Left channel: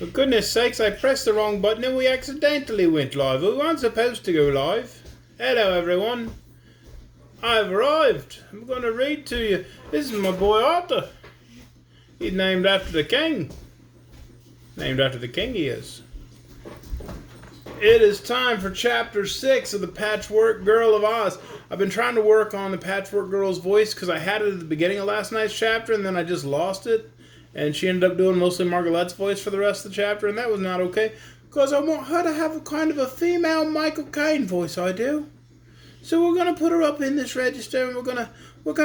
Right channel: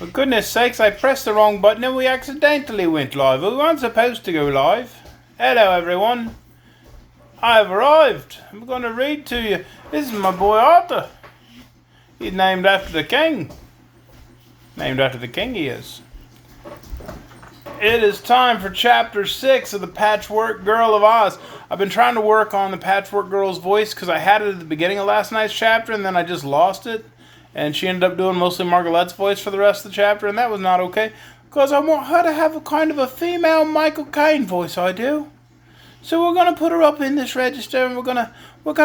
For goodness sakes, I pressed the wrong button and we accidentally went live. We weren't supposed to go live. Hello everyone. I've arrived. I'm going to read to you. This is my boy Arthur. He's named after the king. Named after the king he is. It is time for chapter 6 of the Patchwork Girl of Oz. I've been trying to work on the Patchwork Girl's voice because I had it at the beginning of last night's chapter and then I just lost it. And she ended up doing mostly Margaret's voice for the rest of the chapter, and that was not okay. Because I want her to have a kind of a female Michael Caine voice, I do. So we're going to put her up in this register and we're gonna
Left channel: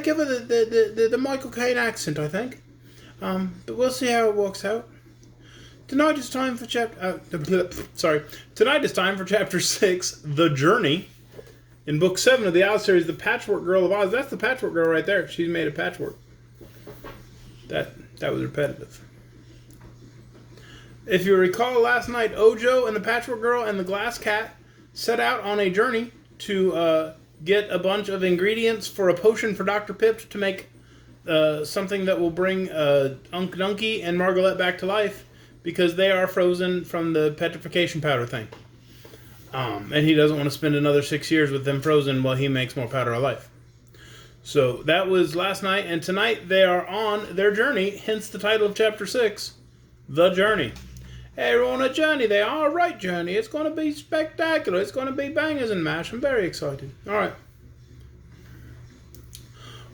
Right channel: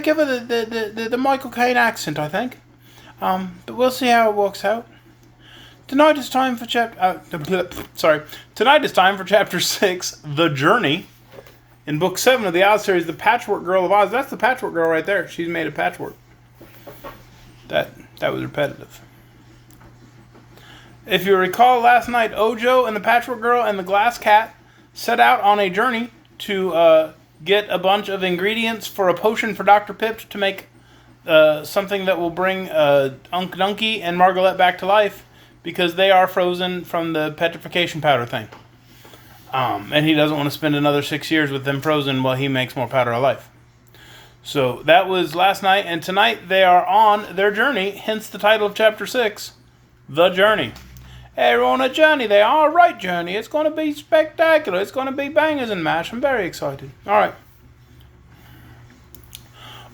give her the Michael Caine accent, I think. But we'll see how it works out. Tonight is time for chapter 6, The Journey. In book 7 of the Oz series, The Patchwork Girl of Oz. That's the Patchwork Girl right there. She's made of patchwork. That was repetitive. If you recall last night, Ojo and the Patchwork Girl and the Glass Cat set out on a journey to get a bunch of ingredients for a potion for Dr. Pip to make something that will bring Unc Dunky and Margaret back to life because they are frozen from the petrification powder thing. And he doesn't want to spend another 6 years with them frozen while he makes more powder of life. So that was last night, and tonight they are on their journey, hence the title of chapter 6, The Journey. They're on a journey. They are a right journey. It's going to be spectacular. It's going to be bangers and mash. I'm very excited. All right.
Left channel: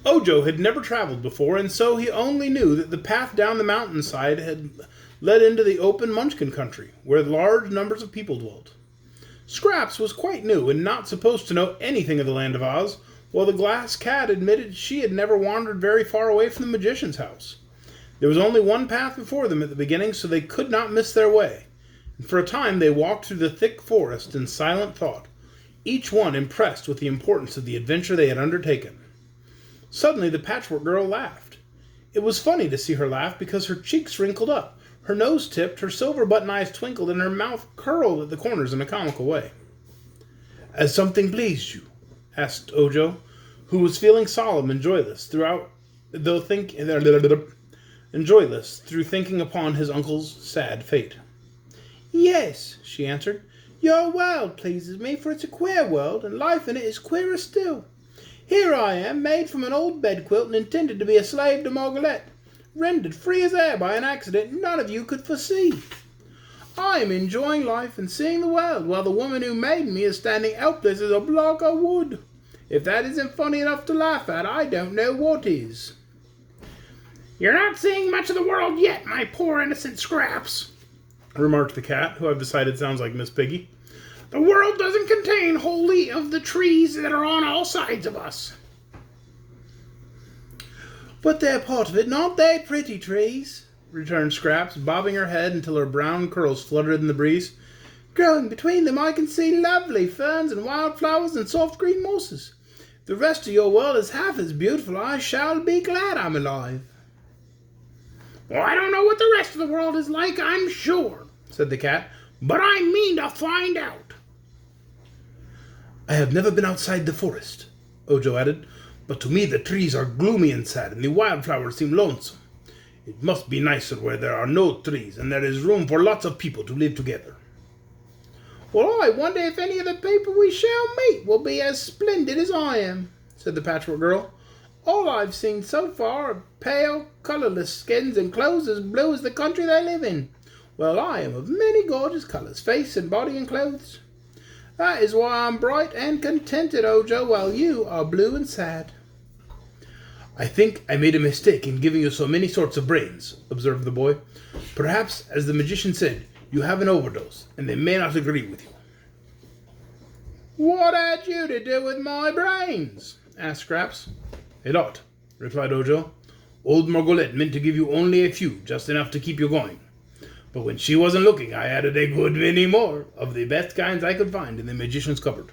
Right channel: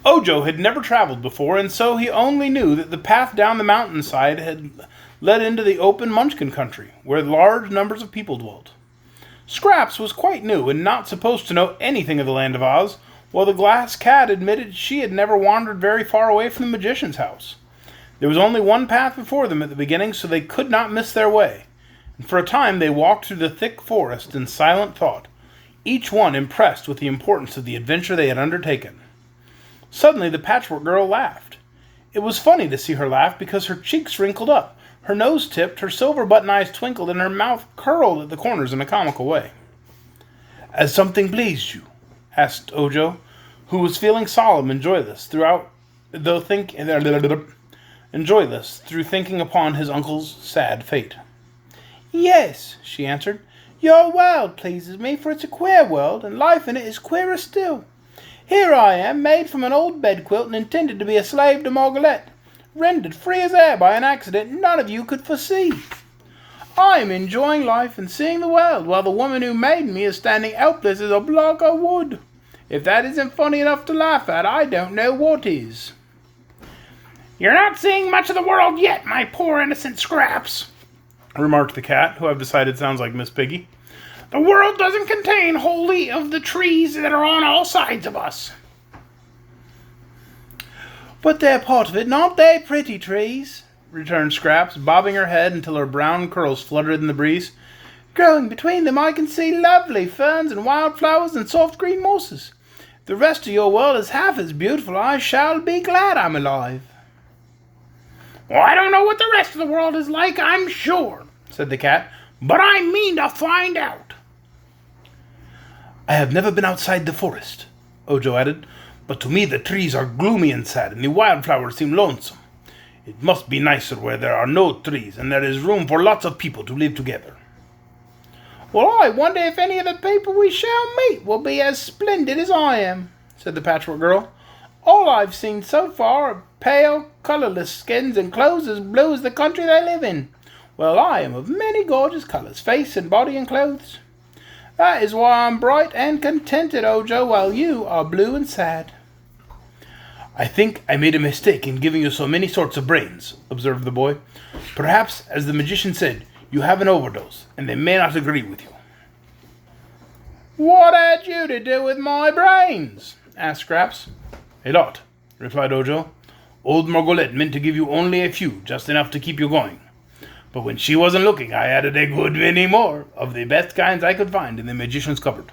Ojo had never traveled before, and so he only knew that the path down the mountainside had led into the open Munchkin country, where large numbers of people dwelt. Scraps was quite new and not supposed to know anything of the land of Oz, while the Glass Cat admitted she had never wandered very far away from the magician's house. There was only one path before them at the beginning, so they could not miss their way, and for a time they walked through the thick forest in silent thought, each one impressed with the importance of the adventure they had undertaken. Suddenly the Patchwork Girl laughed. It was funny to see her laugh because her cheeks wrinkled up, her nose tipped, her silver button eyes twinkled, and her mouth curled at the corners in a comical way. "Has something pleased you?" asked Ojo, who was feeling solemn and joyless through thinking upon his uncle's sad fate. "Yes," she answered. "Your world pleases me, for it's a queer world, and life in it is queerer still. Here I am, made from an old bedquilt and intended to be a slave to Margaret, rendered free as air by an accident none of you could foresee. I am enjoying life and seeing the world, while the woman who made me is standing helpless as a block of wood. If that isn't funny enough to laugh at, I don't know what is." "You're not seeing much of the world yet, my poor innocent Scraps," remarked the cat, who I've decided sounds like Miss Piggy. "The world doesn't contain wholly of the trees that are on all sides of us." "But they're part of it, not they, pretty trees?" returned Scraps, bobbing her head until her brown curls fluttered in the breeze. "Growing between them I can see lovely ferns and wildflowers and soft green mosses. If the rest of your world is half as beautiful, I shall be glad I'm alive." "Well, I don't know what the rest of the world is like, I'm sure," said the cat, "but I mean to find out." "I have never been outside the forest," Ojo added, "but to me the trees are gloomy and sad, and the wildflowers seem lonesome. It must be nicer where there are no trees, and there is room for lots of people to live together." "Well, I wonder if any of the people we shall meet will be as splendid as I am," said the Patchwork Girl. "All I've seen so far are pale, colourless skins and clothes as blue as the country they live in. Well, I am of many gorgeous colours, face and body and clothes. That is why I'm bright and contented, Ojo, while you are blue and sad." "I think I made a mistake in giving you so many sorts of brains," observed the boy. "Perhaps, as the magician said, you have an overdose, and they may not agree with you." "What had you to do with my brains?" asked Scraps. "A lot," replied Ojo. "Old Margolette meant to give you only a few, just enough to keep you going. But when she wasn't looking, I added a good many more, of the best kinds I could find in the magician's cupboard."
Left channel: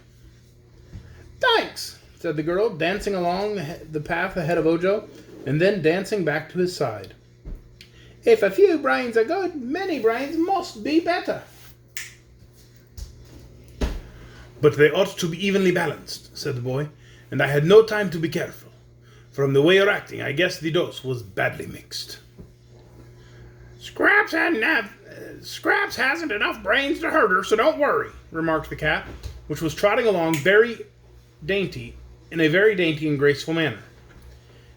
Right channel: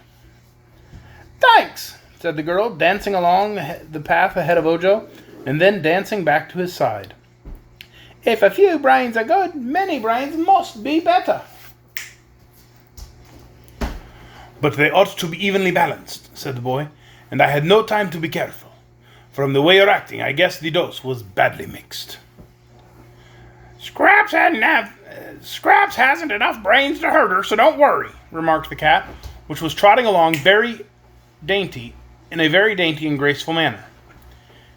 "Thanks," said the girl, dancing along the path ahead of Ojo, and then dancing back to his side. "If a few brains are good, many brains must be better." "But they ought to be evenly balanced," said the boy, "and I had no time to be careful. From the way you're acting, I guess the dose was badly mixed." Scraps hadn't Scraps hasn't enough brains to hurt her, so don't worry, remarked the cat, which was trotting along in a very dainty and graceful manner.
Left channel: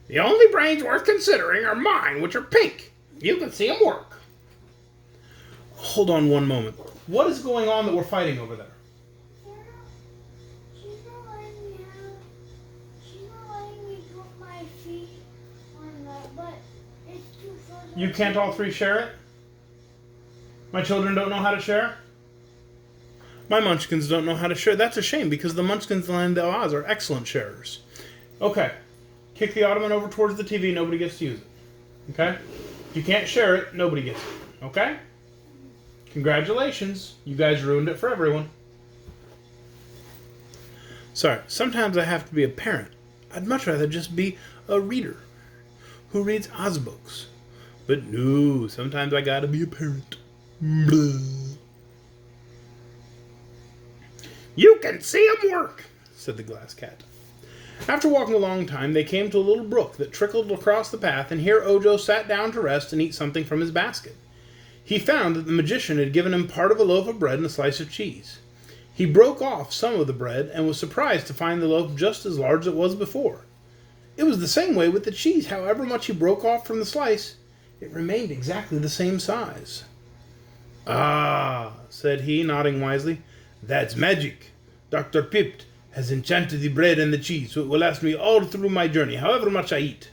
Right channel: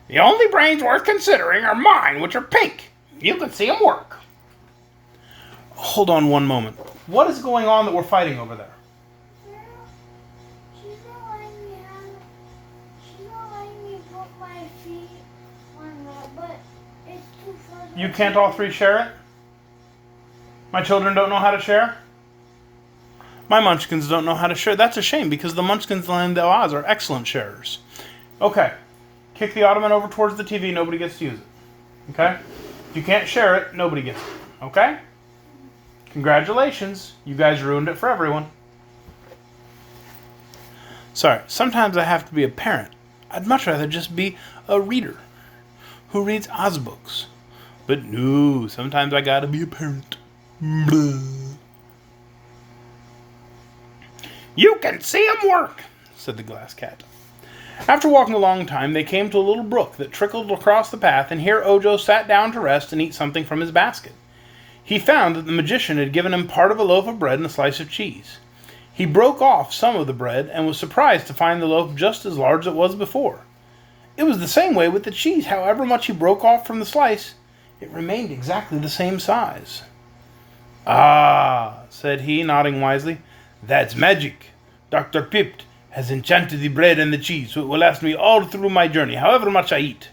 The only brains worth considering are mine, which are pink. You can see them work. Hold on one moment. What is going on that we're fighting over there? She's not letting me out. She's not letting me put my feet on that, but it's too fuzzy. You can't all three share it? My children don't know how to share? My munchkins don't know how to share. That's a shame, because the munchkins in Land of Oz are excellent sharers. Okay. Kick the ottoman over towards the TV. Nobody gets to use it. Okay? If you can't share it, nobody gets it. Okay? Congratulations. You guys ruined it for everyone. Sorry. Sometimes I have to be a parent. I'd much rather just be a reader who reads Oz books. But no, sometimes I gotta be a parent. Blah. You can see 'em work, said the glass cat. After walking a long time, they came to a little brook that trickled across the path, and here Ojo sat down to rest and eat something from his basket. He found that the magician had given him part of a loaf of bread and a slice of cheese. He broke off some of the bread and was surprised to find the loaf just as large as it was before. It was the same way with the cheese. However much he broke off from the slice, it remained exactly the same size. Ah, said he, nodding wisely. That's magic. Dr. Pipt has enchanted the bread and the cheese, so it will last me all through my journey, however much I eat.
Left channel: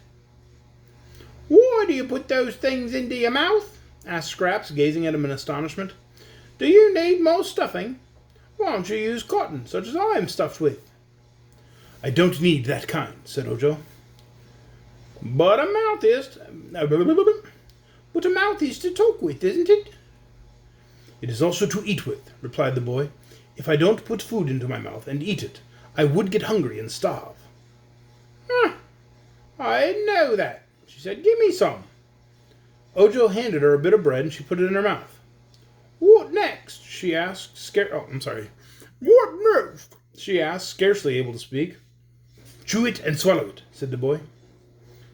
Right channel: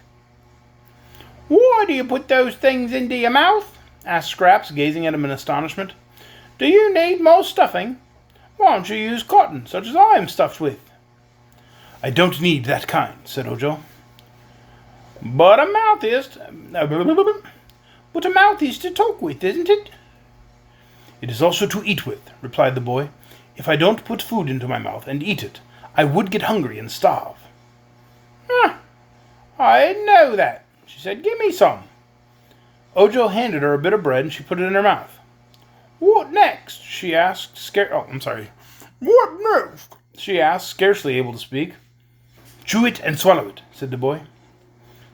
Why do you put those things into your mouth? Asked Scraps, gazing at him in astonishment. Do you need more stuffing? Why don't you use cotton, such as I am stuffed with? I don't need that kind, said Ojo. But a mouth is to talk with, isn't it? It is also to eat with, replied the boy. If I don't put food into my mouth and eat it, I would get hungry and starve. I didn't know that, she said. Give me some. Ojo handed her a bit of bread and she put it in her mouth. What next? She asked. What next? She asked, scarcely able to speak. Chew it and swallow it, said the boy.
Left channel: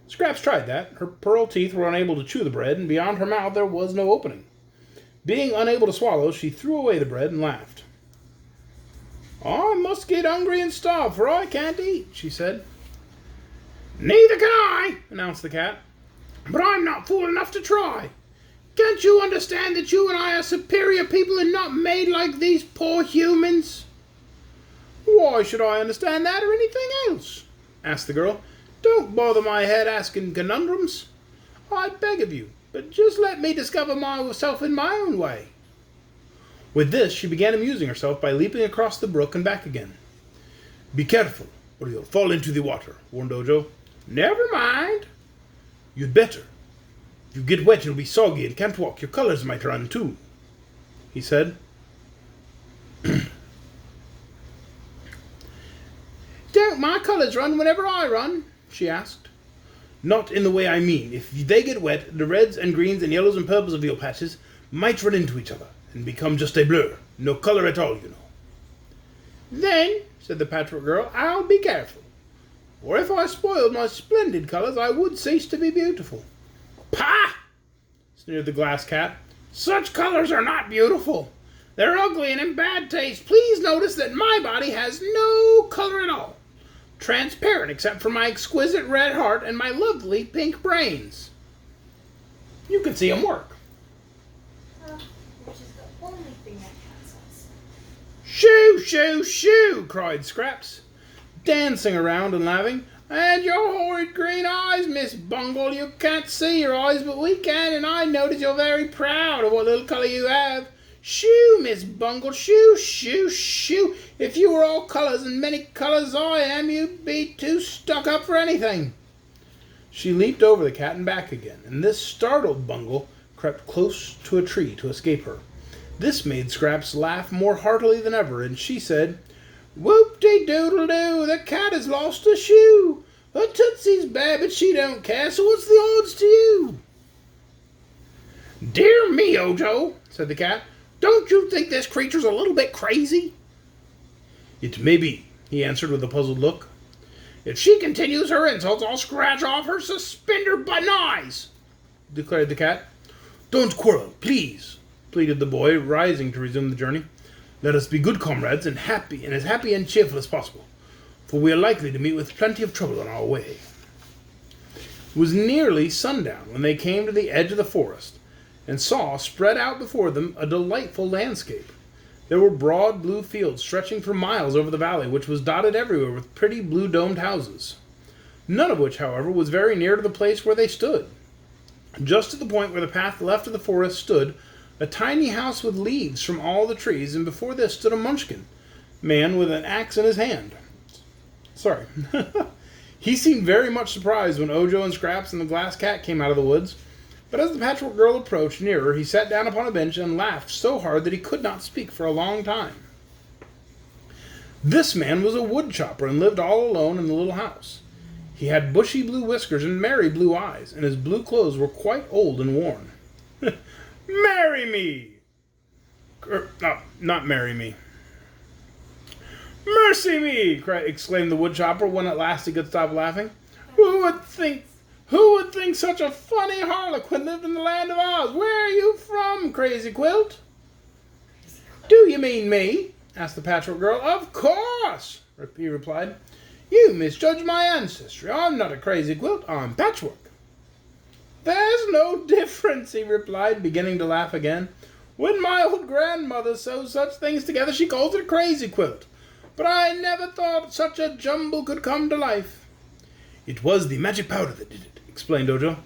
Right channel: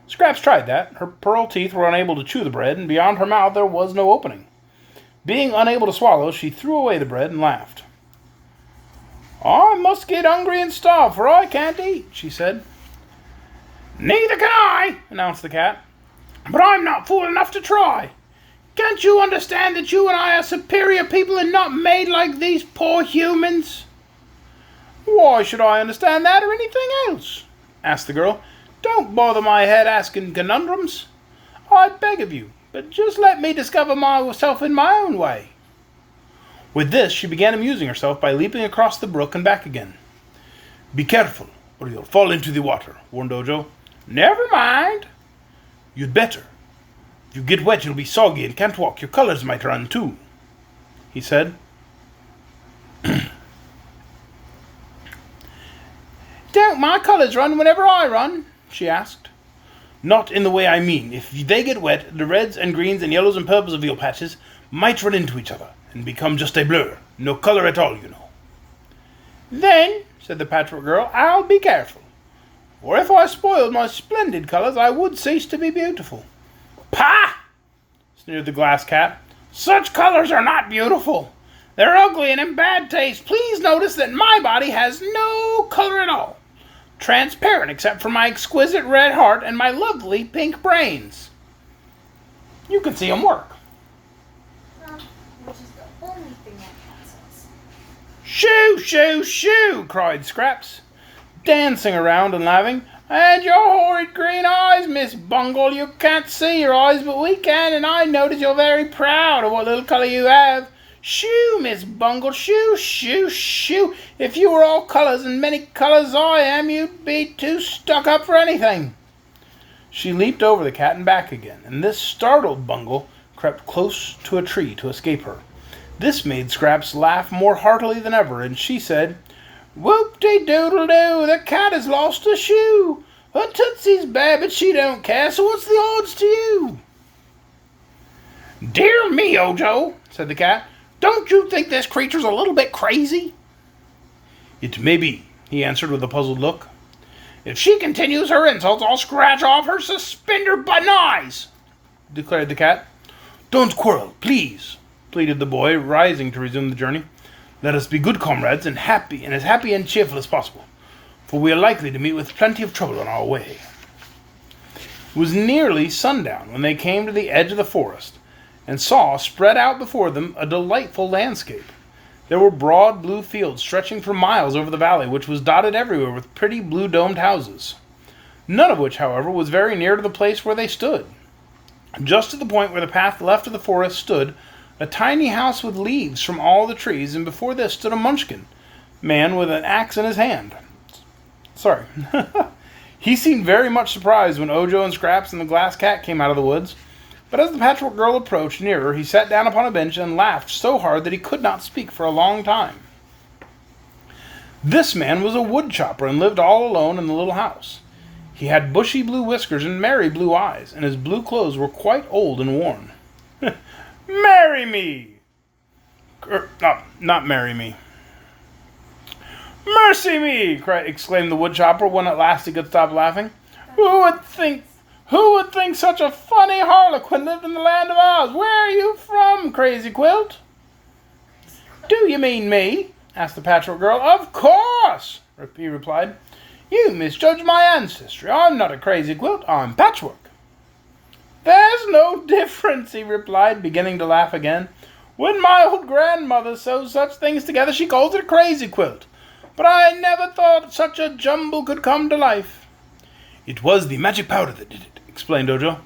Scraps tried that. Her pearl teeth were unable to chew the bread, and beyond her mouth there was no opening. Being unable to swallow, she threw away the bread and laughed. I must get hungry and starve, for I can't eat, she said. Neither can I, announced the cat. But I'm not fool enough to try. Can't you understand that you and I are superior people and not made like these poor humans? Why should I understand that or anything else? Asked the girl. Don't bother my head asking conundrums. I beg of you, but just let me discover myself in my own way. With this, she began amusing herself by leaping across the brook and back again. Be careful, or you'll fall into the water, warned Ojo. Never mind. You'd better. If you get wet, you'll be soggy and can't walk. Your colors might run, too, he said. Don't my colors run whenever I run? She asked. Not in the way I mean. If they get wet, the reds and greens and yellows and purples of your patches might run into each other and become just a blur. No color at all, you know. Then, said the Patchwork Girl, I'll be careful. For if I spoiled my splendid colors, I would cease to be beautiful. Pah! Sneered the Glass Cat. Such colors are not beautiful. They're ugly and in bad taste. Please notice that my body has no color at all. Transparent except for my exquisite red heart and my lovely pink brains. You can see them work. Which is the only thing that cat says. Shoo, shoo, shoo, cried Scraps, dancing around and laughing. And your horrid green eyes, Miss Bungle. You can't see your eyes, but we can, and I notice you're very proud of what little color you have. Shoo, Miss Bungle, shoo, shoo, shoo. If you were all colors and many colors I am, you'd be too stuck up for anything. She leaped over the cat and back again, and this startled Bungle crept close to a tree to escape her. This made Scraps laugh more heartily than ever, and she said, Whoop-de-doodle-doo, the cat has lost a shoe. Her tootsie's bad, but she don't care, so what's the odds to you? Dear me, Ojo, said the cat. Don't you think this creature's a little bit crazy? It may be, he answered with a puzzled look. If she continues her insults, I'll scratch off her suspender-button eyes, declared the cat. Don't quarrel, please, pleaded the boy, rising to resume the journey. "Let us be good comrades and as happy and cheerful as possible, for we are likely to meet with plenty of trouble on our way." It was nearly sundown when they came to the edge of the forest and saw spread out before them a delightful landscape. There were broad blue fields stretching for miles over the valley, which was dotted everywhere with pretty blue-domed houses, none of which, however, was very near to the place where they stood. Just at the point where the path left of the forest stood a tiny house with leaves from all the trees, and before this stood a munchkin man with an axe in his hand. Sorry. He seemed very much surprised when Ojo and Scraps and the glass cat came out of the woods, but as the Patchwork Girl approached nearer, he sat down upon a bench and laughed so hard that he could not speak for a long time. This man was a wood chopper and lived all alone in the little house. He had bushy blue whiskers and merry blue eyes, and his blue clothes were quite old and worn. "Marry me!" Not marry me. "Mercy me!" exclaimed the woodchopper when at last he could stop laughing. Who would think such a funny harlequin lived in the land of Oz? Where are you from, Crazy Quilt?" "Do you mean me?" asked the Patchwork Girl. "Of course," he replied. "You misjudge my ancestry. I'm not a Crazy Quilt. I'm Patchwork." "There's no difference," he replied, beginning to laugh again. "When my old grandmother sews such things together, she calls it a Crazy Quilt. But I never thought such a jumble could come to life." "It was the magic powder that did it," explained Ojo.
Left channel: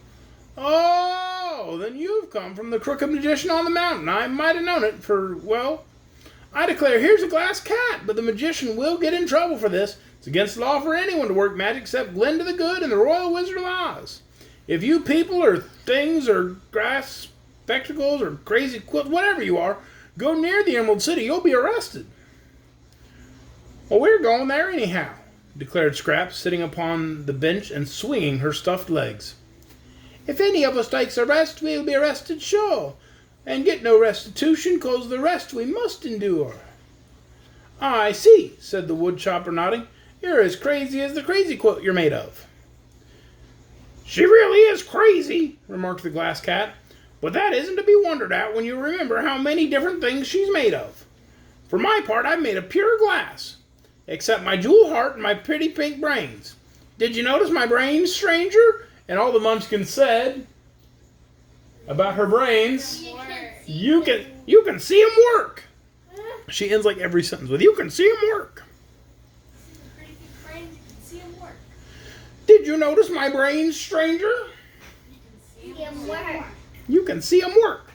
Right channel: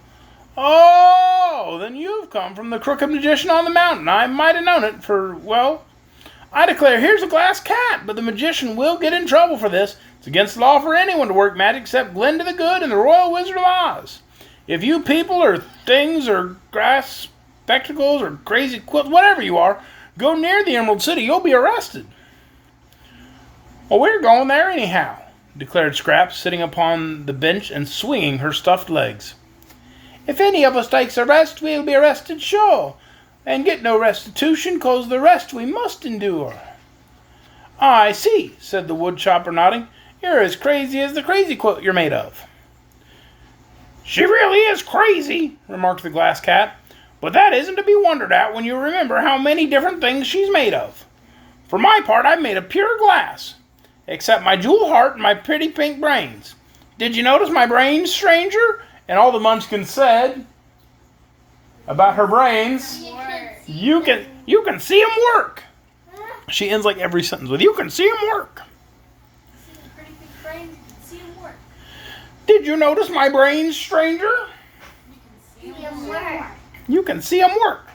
"Oh, then you've come from the crooked magician on the mountain. I might have known it, I declare, here's a glass cat, but the magician will get in trouble for this. It's against the law for anyone to work magic except Glinda the Good and the Royal Wizard of Oz. If you people or things or grass spectacles or crazy quilts, whatever you are, go near the Emerald City, you'll be arrested." "Well, we're going there anyhow," declared Scraps, sitting upon the bench and swinging her stuffed legs. "If any of us takes a rest, we'll be arrested sure, and get no restitution, 'cause the rest we must endure." "I see," said the wood chopper, nodding. "You're as crazy as the crazy quilt you're made of." "She really is crazy," remarked the glass cat, "but that isn't to be wondered at when you remember how many different things she's made of. For my part, I'm made of pure glass, except my jewel heart and my pretty pink brains. Did you notice my brains, stranger?" And all the Munchkins said about her brains, You can see them work." She ends like every sentence with, "You can see them work." "Did you notice my brains, stranger?" "You can see them work."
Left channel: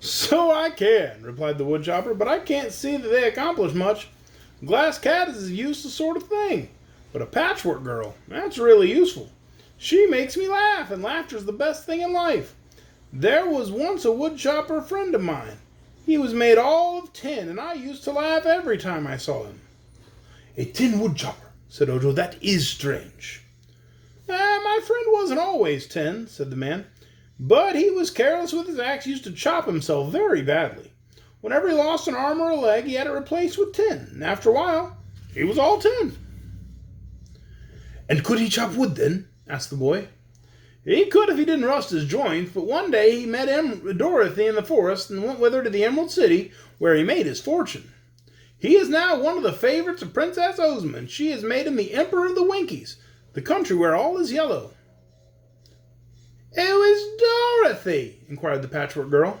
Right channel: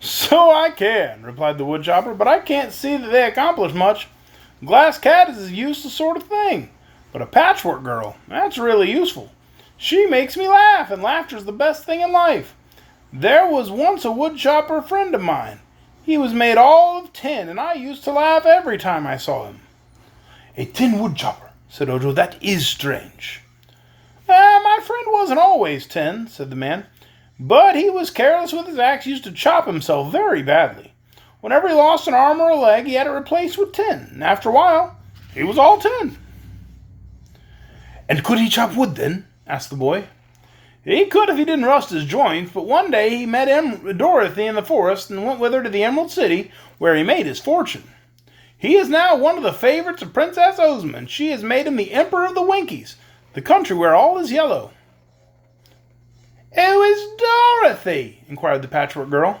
"So I can," replied the woodchopper, "but I can't see that they accomplish much. Glass cat is a useless sort of thing, but a Patchwork Girl, that's really useful. She makes me laugh, and laughter's the best thing in life. There was once a woodchopper friend of mine. He was made all of tin, and I used to laugh every time I saw him." "A tin woodchopper," said Ojo. "That is strange." My friend wasn't always tin," said the man, "but he was careless with his axe, used to chop himself very badly. Whenever he lost an arm or a leg, he had it replaced with tin, and after a while, he was all tin." "And could he chop wood then?" asked the boy. "He could if he didn't rust his joints, but one day he met Dorothy in the forest and went with her to the Emerald City, where he made his fortune. He is now one of the favorites of Princess Ozma, and she has made him the Emperor of the Winkies, the country where all is yellow." "Who is Dorothy?" inquired the Patchwork Girl.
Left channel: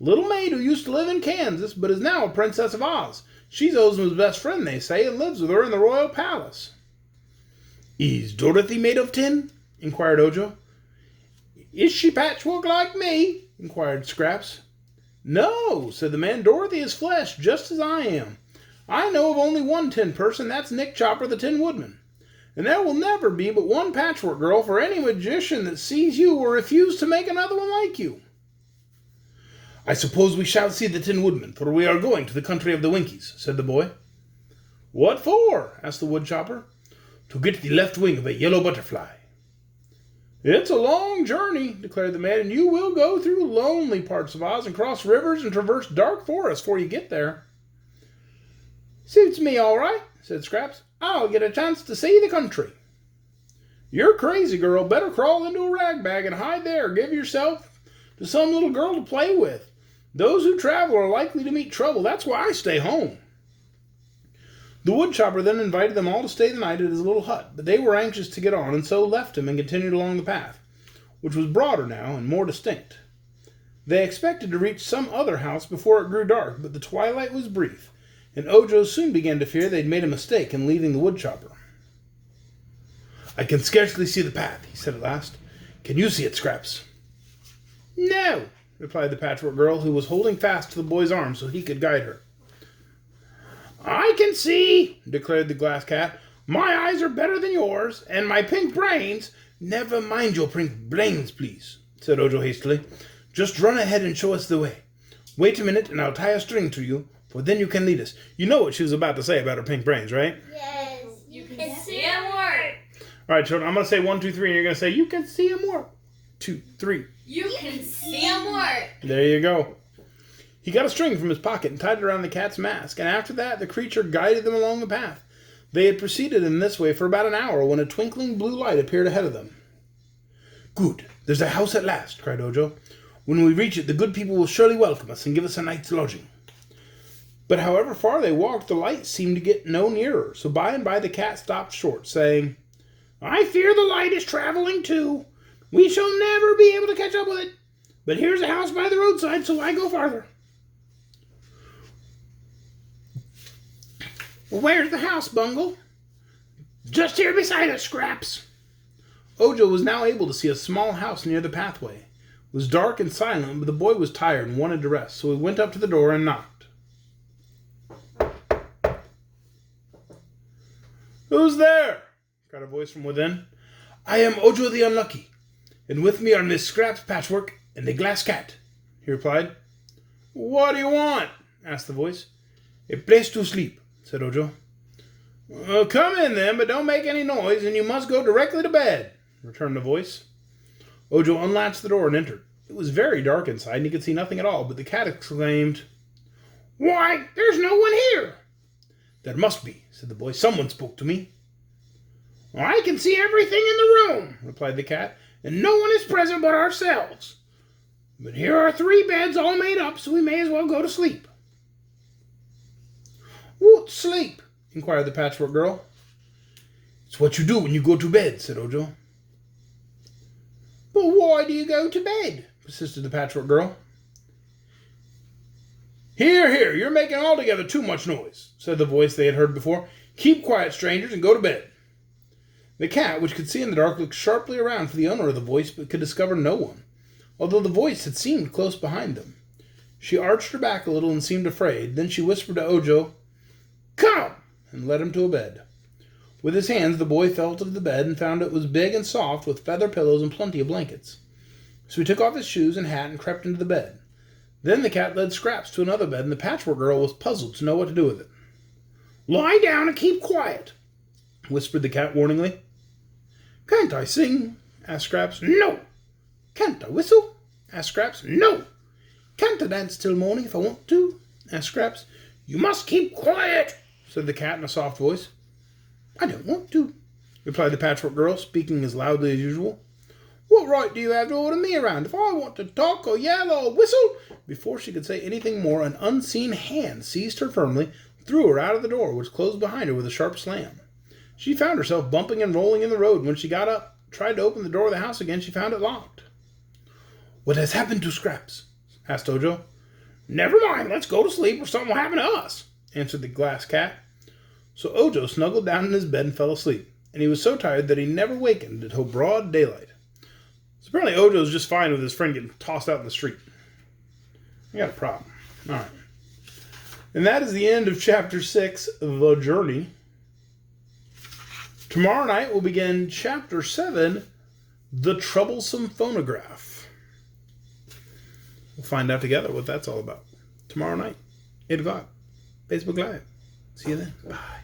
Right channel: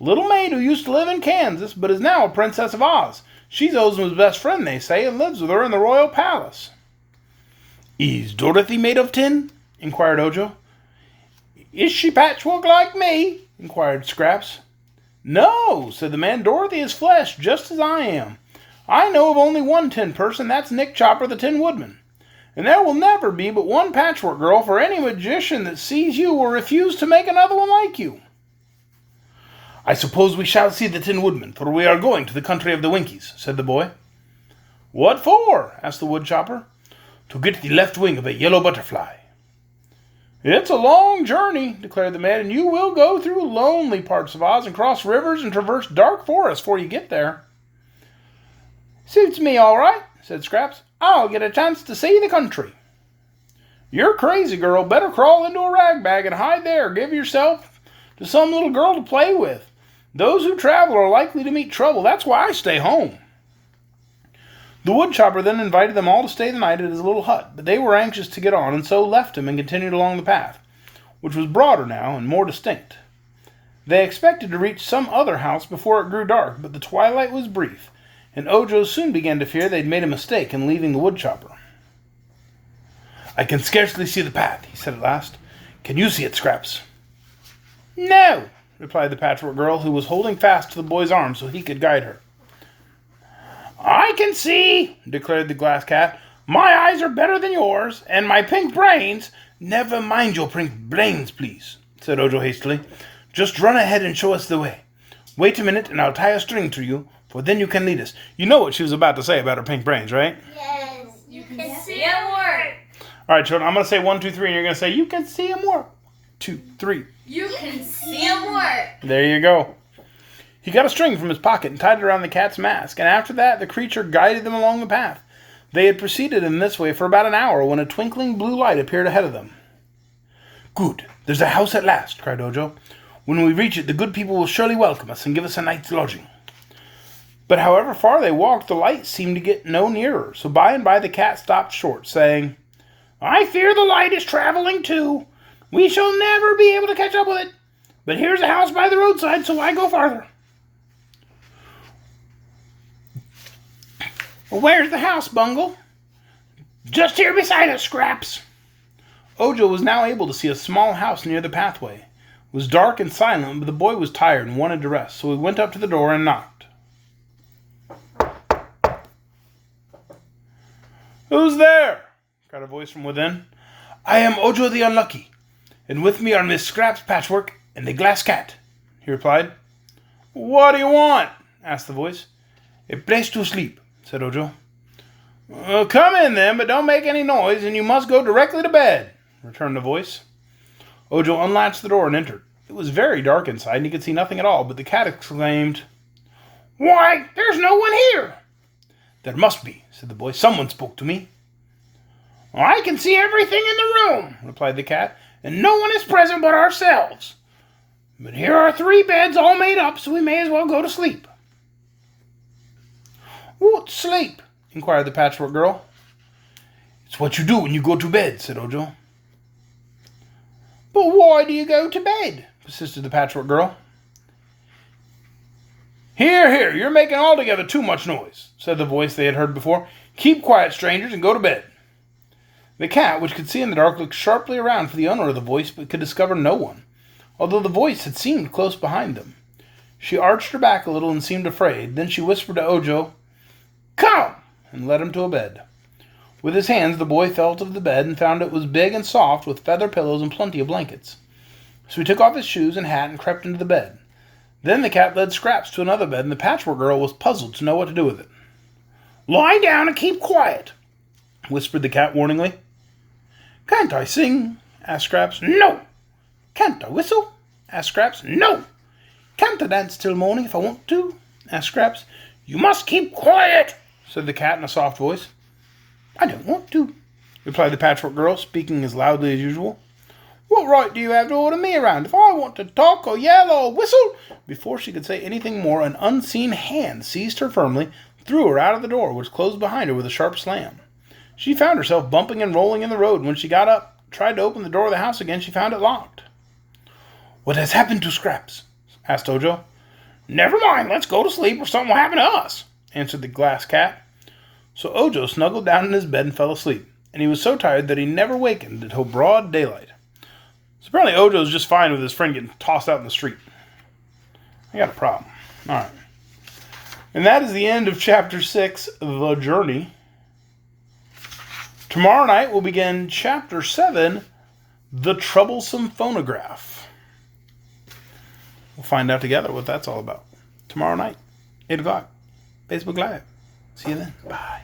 "Little maid who used to live in Kansas, but is now a Princess of Oz. She's Ozma's best friend, they say, and lives with her in the royal palace." "Is Dorothy made of tin?" inquired Ojo. "Is she patchwork like me?" inquired Scraps. "No," said the man. "Dorothy is flesh, just as I am. I know of only one tin person, that's Nick Chopper, the Tin Woodman. And there will never be but one Patchwork Girl, for any magician that sees you will refuse to make another one like you." "I suppose we shall see the Tin Woodman, for we are going to the country of the Winkies," said the boy. "What for?" asked the woodchopper. "To get the left wing of a yellow butterfly." "It's a long journey," declared the man, "and you will go through lonely parts of Oz and cross rivers and traverse dark forests before you get there." "Suits me all right," said Scraps. "I'll get a chance to see the country." "You're crazy, girl. Better crawl into a rag bag and hide there. Give yourself to some little girl to play with. Those who travel are likely to meet trouble. That's why I stay home. The woodchopper then invited them all to stay the night at his little hut, but they were anxious to get on, and so left him and continued along the path, which was broader now and more distinct. They expected to reach some other house before it grew dark, but the twilight was brief, and Ojo soon began to fear they'd made a mistake in leaving the woodchopper. "I can scarcely see the path," he said at last. "Can you see it, Scraps?" "No," replied the Patchwork Girl, who was holding fast to the boy's arm so he could guide her. "I can see," declared the Glass Cat. "My eyes are better than yours, and my pink brains—" "Never mind your pink brains, please," said Ojo hastily. "Just run ahead and show us the way. Wait a minute, and I'll tie a string to you, for then you can lead us." You know what she was about to say about her pink brains, right? Yes. You can see them work. All right, children, I'm going to say 1, 2, 3, and you're going to say, "You can see them work." 2, 3. You can see them work. There you go. He got a string from his pocket and tied it around the cat's mask, and after that the creature guided them along the path. They had proceeded in this way for about an hour when a twinkling blue light appeared ahead of them. "Good, there's a house at last," cried Ojo. "When we reach it, the good people will surely welcome us and give us a night's lodging." But however far they walked, the light seemed to get no nearer, so by and by the cat stopped short, saying, "I fear the light is traveling too. We shall never be able to catch up with it. But here's a house by the roadside, so I go farther." "Where's the house, Bungle?" "Just here beside us, Scraps." Ojo was now able to see a small house near the pathway. It was dark and silent, but the boy was tired and wanted to rest, so he went up to the door and knocked. "Who's there?" cried a voice from within. "I am Ojo the Unlucky, and with me are Miss Scraps, Patchwork, and the Glass Cat," he replied. "What do you want?" asked the voice. "A place to sleep," said Ojo. "Come in then, but don't make any noise, and you must go directly to bed," returned the voice. Ojo unlatched the door and entered. It was very dark inside, and he could see nothing at all, but the cat exclaimed, "Why, there's no one here!" "There must be," said the boy. "Someone spoke to me." "I can see everything in the room," replied the cat, "and no one is present but ourselves. But here are 3 beds all made up, so we may as well go to sleep." "What sleep?" inquired the Patchwork Girl. "It's what you do when you go to bed," said Ojo. "But why do you go to bed?" persisted the Patchwork Girl. Here, you're making altogether too much noise," said the voice they had heard before. "Keep quiet, strangers, and go to bed." The cat, which could see in the dark, looked sharply around for the owner of the voice, but could discover no one, although the voice had seemed close behind them. She arched her back a little and seemed afraid. Then she whispered to Ojo, "Come," and led him to a bed. With his hands, the boy felt of the bed and found it was big and soft, with feather pillows and plenty of blankets. So he took off his shoes and hat and crept into the bed. Then the cat led Scraps to another bed, and the Patchwork Girl was puzzled to know what to do with it. "Lie down and keep quiet," whispered the cat warningly. "Can't I sing?" asked Scraps. "No." "Can't I whistle?" asked Scraps. "No." "Can't I dance till morning if I want to?" asked Scraps. "You must keep quiet," said the cat in a soft voice. "I don't want to," replied the Patchwork Girl, speaking as loudly as usual. "What right do you have to order me around if I want to talk or yell or whistle?" Before she could say anything more, an unseen hand seized her firmly, threw her out of the door, which closed behind her with a sharp slam. She found herself bumping and rolling in the road, and when she got up, tried to open the door of the house again, she found it locked. "What has happened to Scraps?" asked Ojo. "Never mind, let's go to sleep or something will happen to us," answered the Glass Cat. So Ojo snuggled down in his bed and fell asleep, and he was so tired that he never wakened until broad daylight. So apparently Ojo's just fine with his friend getting tossed out in the street. I got a problem. All right. And that is the end of Chapter 6, The Journey. Tomorrow night we'll begin Chapter 7, The Troublesome Phonograph. We'll find out together what that's all about. Tomorrow night, 8 o'clock, Facebook Live. See you then. Bye.